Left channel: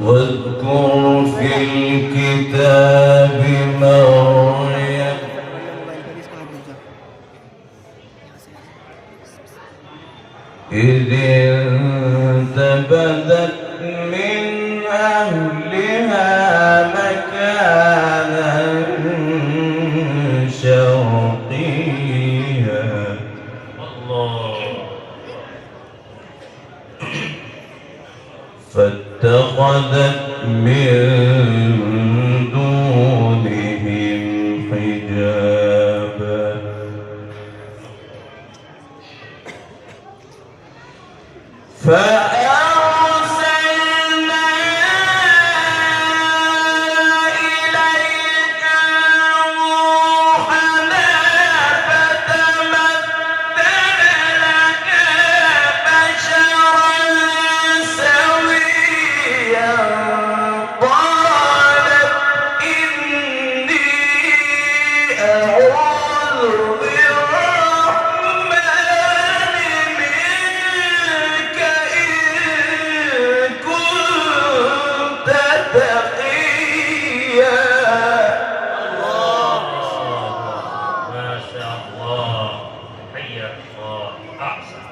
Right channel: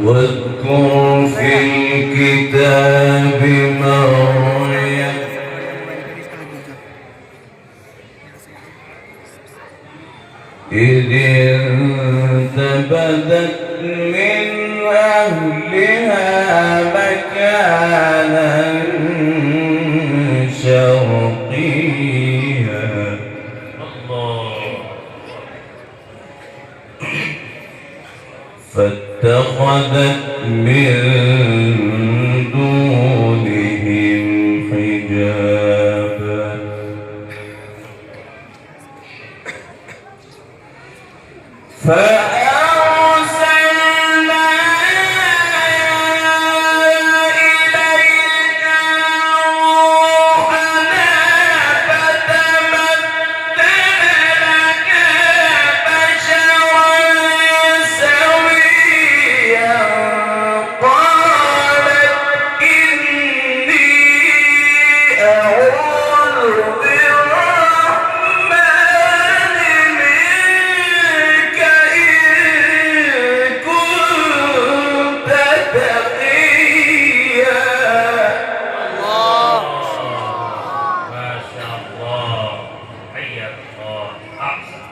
واذكر في الكتاب مريم إذ انتبذت من أهلها مكانا شرقيا فاتخذت من دونهم حجابا فأرسلنا إليك روحنا فتمثل لك بشرا سويا قالت إني أعوذ بالرحمن منك إن كنت تقيا. الله ما شاء الله حياك الله أحسن.